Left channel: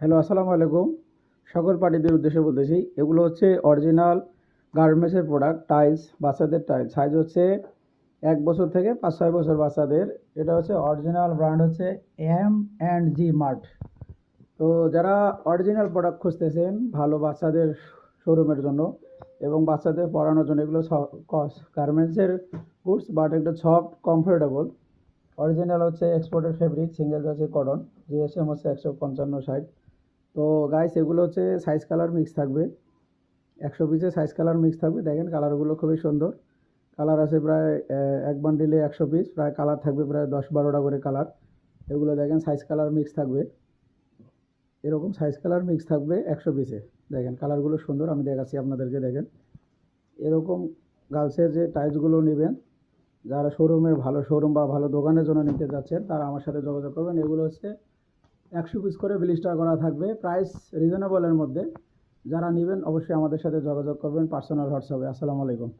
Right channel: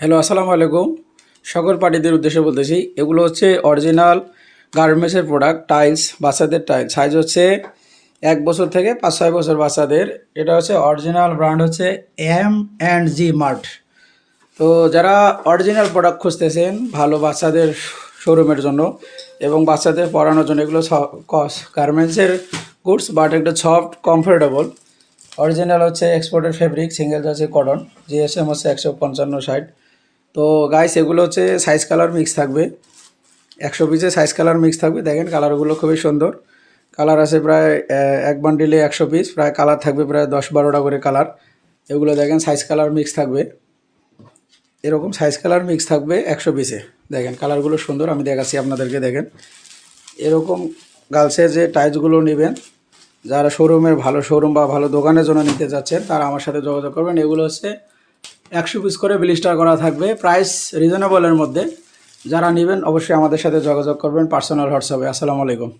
Hello, আসসালামু আলাইকুম। সকল পার্টিদের উদ্দেশ্যে বলতেছি, এগুলো হচ্ছে অরিজিনাল গার্মেন্টসের প্রোডাক্ট, টাইলস, বাচ্চাদের টাইলস। সাইজ হচ্ছে 1 বছর থেকে 5-6 বছর বাচ্চাদের। এটা হচ্ছে অরিজিনাল ব্র্যান্ড হচ্ছে M&G মার্ট। তো যারা অরিজিনাল প্রোডাক্ট খুঁজতেছেন ভালো বাচ্চাদের শোরুমের জন্য এবং বাচ্চাদের পরানোর জন্য, এগুলো গার্মেন্টসের গুডস, বাট একটু সফট, কমফোর্টেবল। অরিজিনাল হচ্ছে এক্সপোর্টেড ফেব্রিক, সিঙ্গেল হচ্ছে কটন, জিএসএম হচ্ছে 155-60। তো গাইস, এগুলো হচ্ছে সাইজ কালার মিক্স থাকবে, 100 পিসে সাইজ কালার মিক্স থাকবে। দেখেন কালারগুলো খুবই সুন্দর। কালার আছে প্রায় এক বান্ডিলে 100 পিস, প্রায় কালার থাকবে প্রায় 10-12টা করে কালার। এগুলো দেখেন সাইজ কালার মিক্স থাকবে, এরকম সাইজ কালার মিক্স থাকবে 100 পিসে। দেখেন কালারগুলো সুন্দর, আমি দেখাচ্ছি আপনাদেরকে। দেখেন এরকম গার্লসের যে টাইলসগুলো নেবেন, যারা শোরুমের ভালো শোরুম বা ভালো দোকানের জন্য নিতে যাচ্ছেন, তারা আমার সাথে যোগাযোগ করবেন। এগুলো হচ্ছে 100 পিস করে ব্লিস্টার করা থাকবে, প্রাইস রিজনেবলের মধ্যে। যারা নেবেন অবশ্যই আমাদের সাথে যোগাযোগ করবেন পার্সোনাল হোয়াটসঅ্যাপে। আসসালামু আলাইকুম।